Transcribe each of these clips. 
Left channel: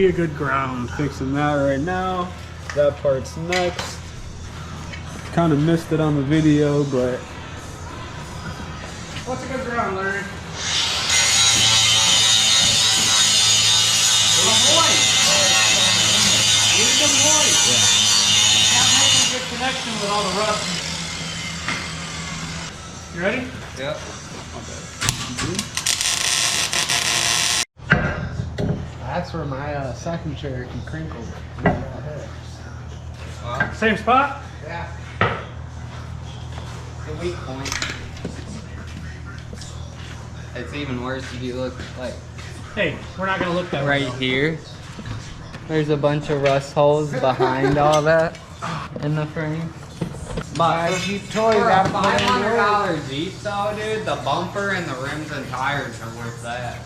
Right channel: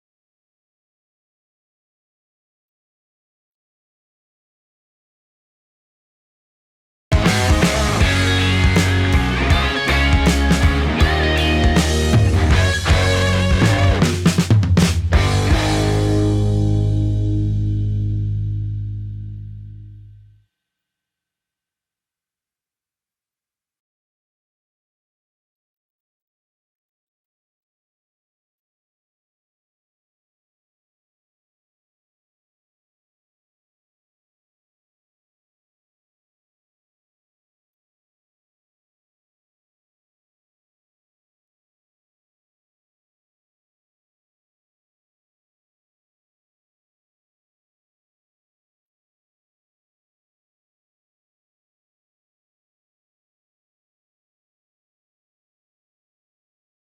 be a good ground. Fixing that right now. That part's next. Kind of missed it on the video, but with all the rust. You ready? Yep. that's where my second Cherokee crinkled. Same spot? Yeah. The weak point. It's even worse if you look like Hey, we're not gonna look that way. right here. There's a bunch of rust holes behind all that in the frame. But for $500 each though, dude, the bumper and the rims and tires are worth that.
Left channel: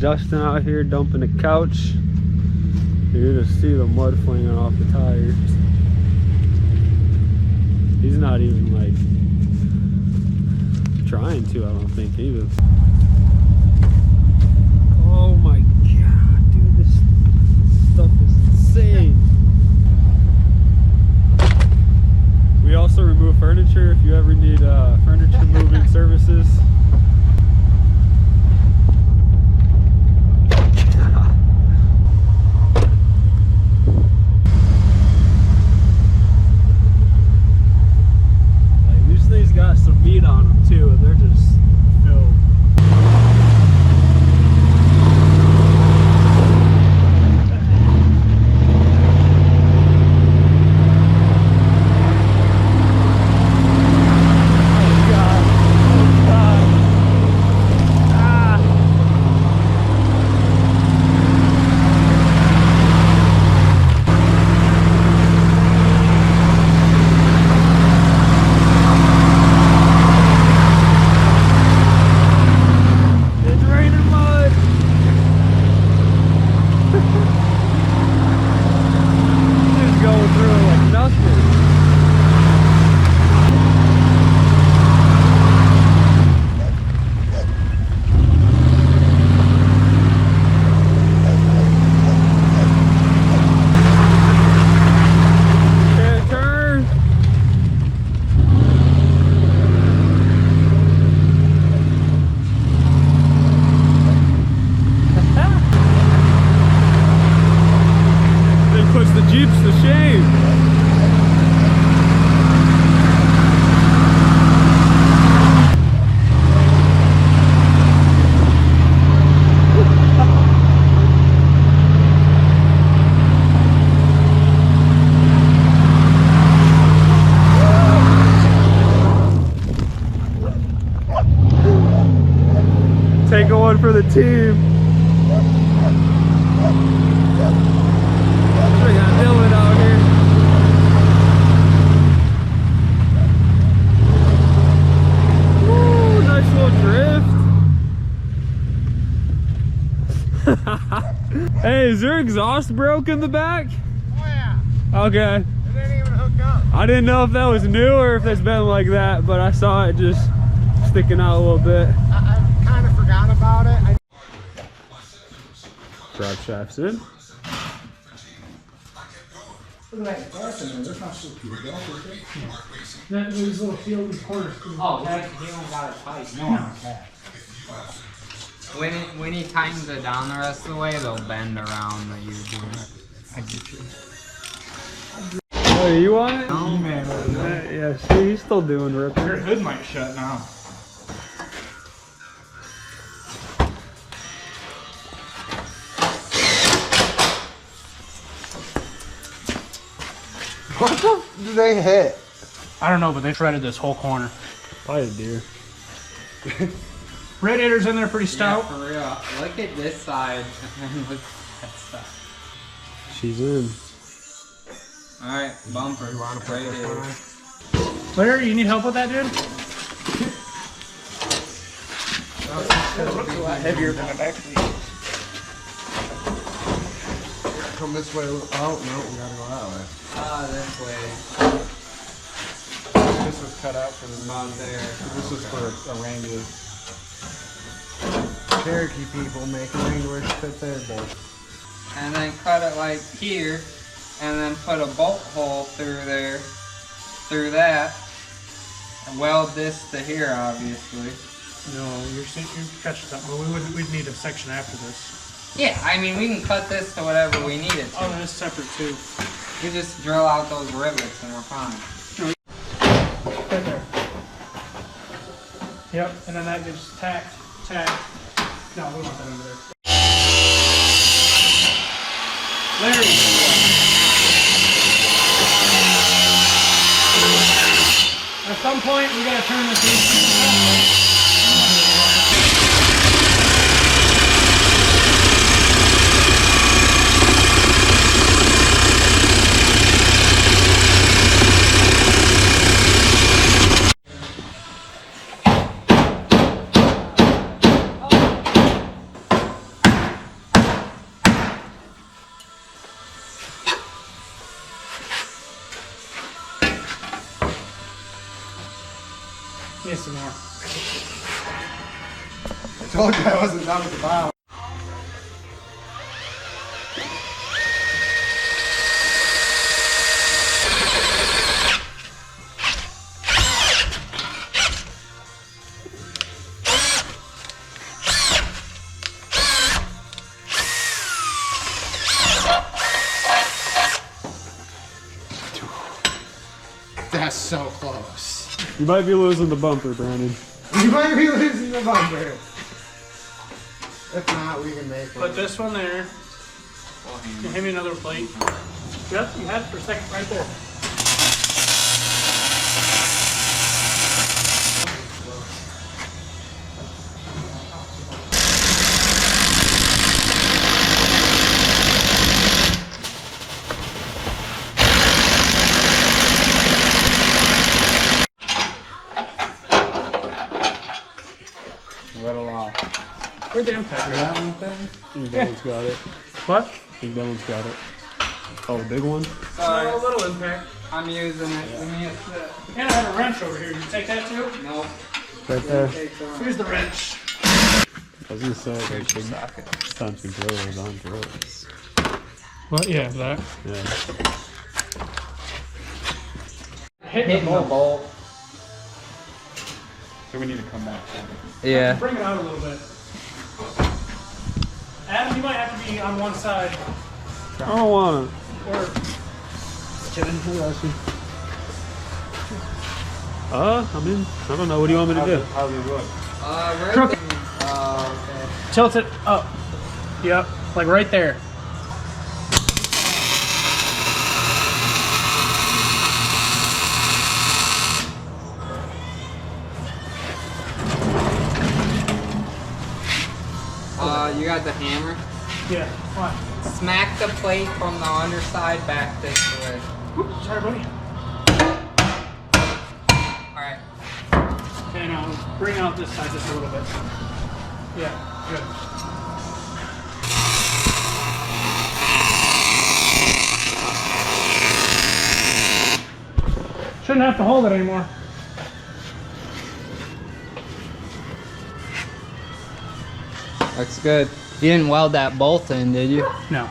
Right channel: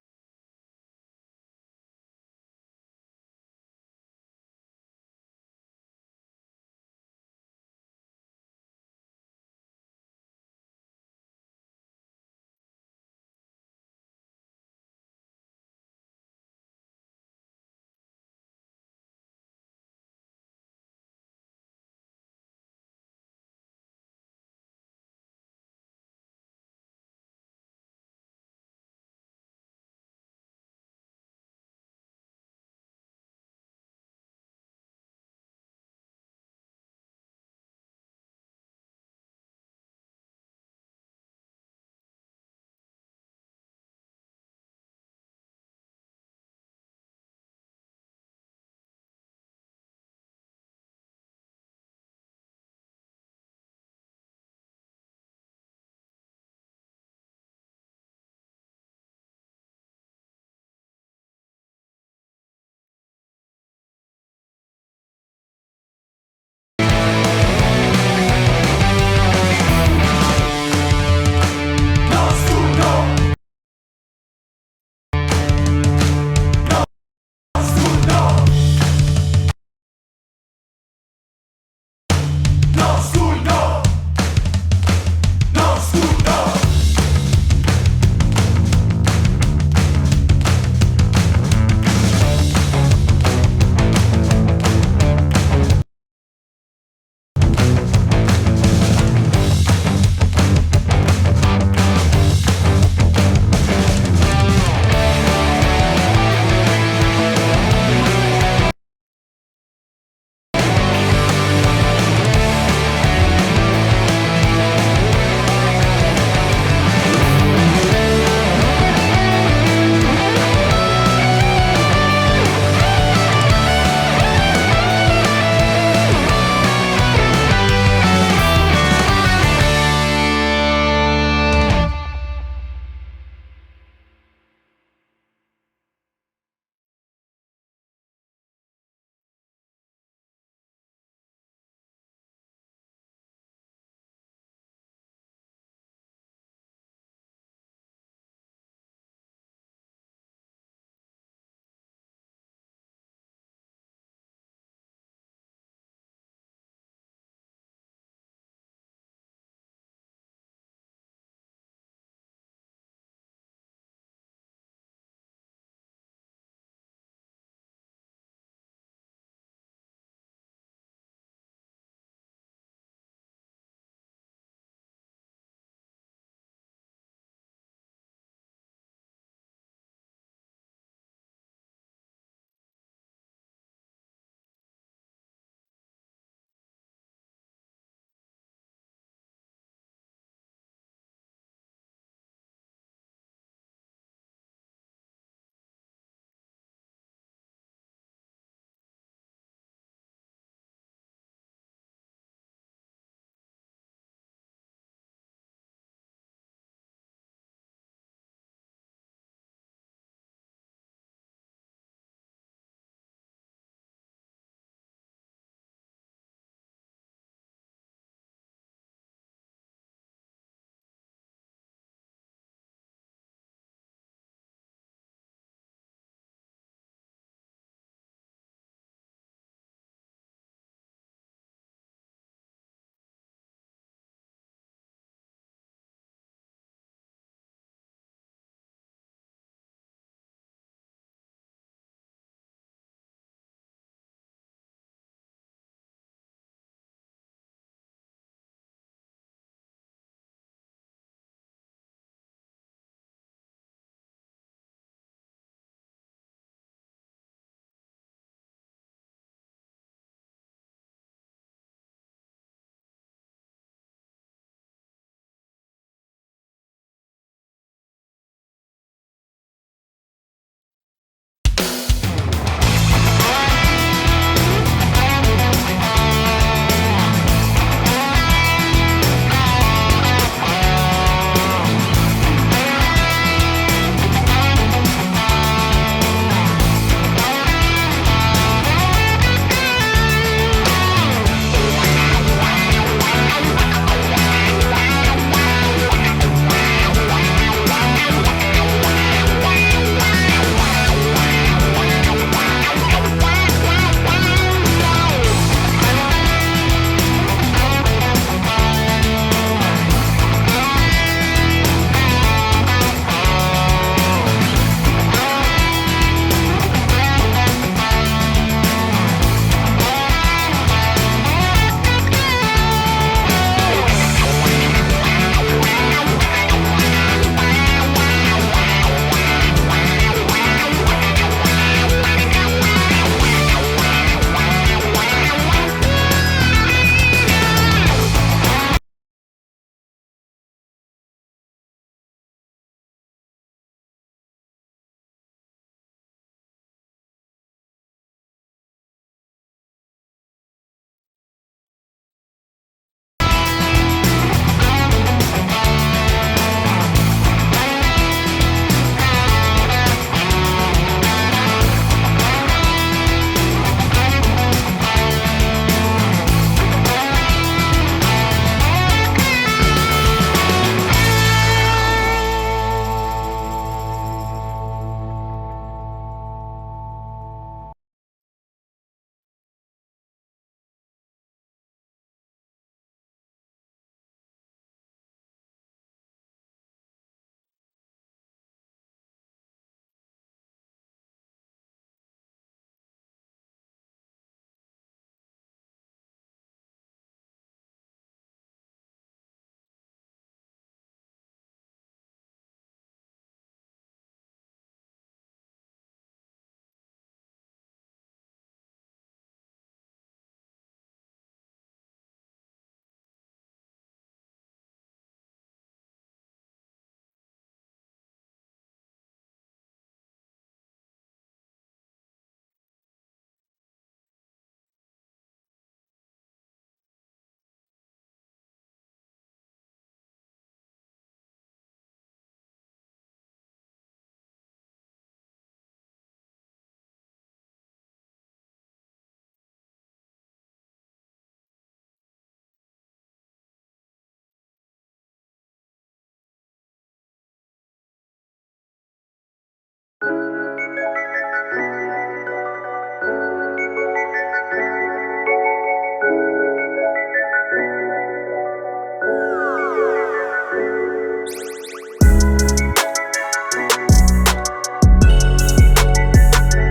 Justin out here dumping a couch. You just see the mud flinging off the tires. He's not even like trying to, I don't think either. Oh my god, dude, this stuff is insane. We also remove furniture if you ever need furniture moving services. Got some meat on them too, and they're just filled. Take one for the team. We got Dylan out here. Hey, is your exhaust broke in the back? Oh yeah. Okay. It didn't even hook up. I didn't know if that was new or if it's been like that, but I saw it just sticking out a little bit. I kind of forgot about it. Drive shafts in. Look at that gas in there. That's not supposed to be a gas, is it? That these little field corners. Oh, he don't got it tight. No, I can't. When he tightens it down the rest of the way, they'll bend around the U-joint. I get you. Oh, you want it? No, man. Yeah, see, he's still doing ripping. Your hood might shut now. What the did they hit? I don't know, but they shredded this whole corner. Probably a deer. Radiator's in there pretty stout. Yeah, for real. Look at this side and then look at that side. She's in. Alright, bumper. You want to put this one on? Larry, you need help with that, dude? It's a lot heavier than it actually is. Come this way. Oh, no, we gotta go that way. This way. This was cut out for the About there. This was for a Wrangler. Cherokee people make Wranglers fit their boat. And then cut it like here. And then put a bolt hole through there. Through that. And weld this to here, obviously. No, you're catching something. We'd need a section after this. Yeah, I mean, we can cut this to whatever we need it to. Oh, that's separate too. You just drill out those rivets and we're fine. Right there. Yep, and then that gets tacked. No, we want that over there. You might be losing the bumper, Brandon. You might be losing the bumper. If not, we can make one. Put this one there. Hand me another plate. Yep, you had it for a second right there. Got it. What? I think that one's got it. Oh, the big one? Sorry, A little impact. I'm using it. Give me a sip. And I have a wrench over here. You take that too? Nope. Right there. Here's the wrench. I was gonna say, like, big times controllers on drills. What? Yeah, that. Yeah. Hitting the bolt. So we need to come back. Yeah. Bring it out a little bit. Adam, you might have to be on one side. I don't want it. Or I mean, I don't know. What do you want me to do? How do you look? Right Crook. there. Oh, okay. tilt it up. Yep, like right there. You got the hammer? Yeah, fine. Smack the plate from the underside back this way. Oops, sorry, buddy. Alright. Okay, now bring out this side just a little bit. Yeah, good. Shouldn't have to hold it anymore. Looks good. You didn't weld that bolt in, did you? No.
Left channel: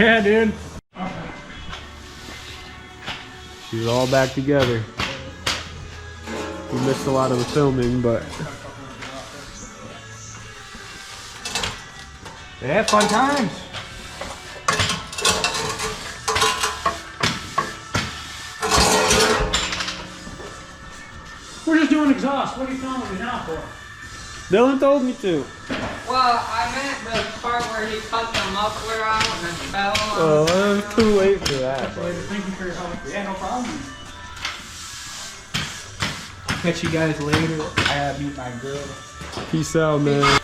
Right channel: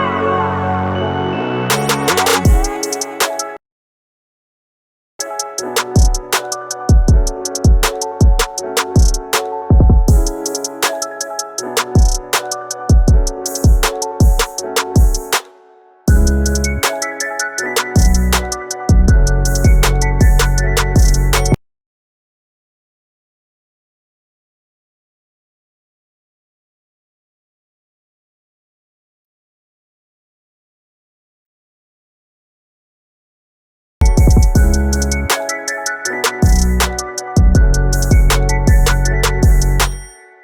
Yeah, dude. She's all back together. We missed a lot of the filming, but Yeah, fun time. We're just doing exhaust. What are you filming me now for? Dylan told me to. Well, I meant the part where he cut the muffler out and it fell. Well, it was too late for that. Thank you for your help. Yeah, no problem. Catch you guys later. Peace out, man.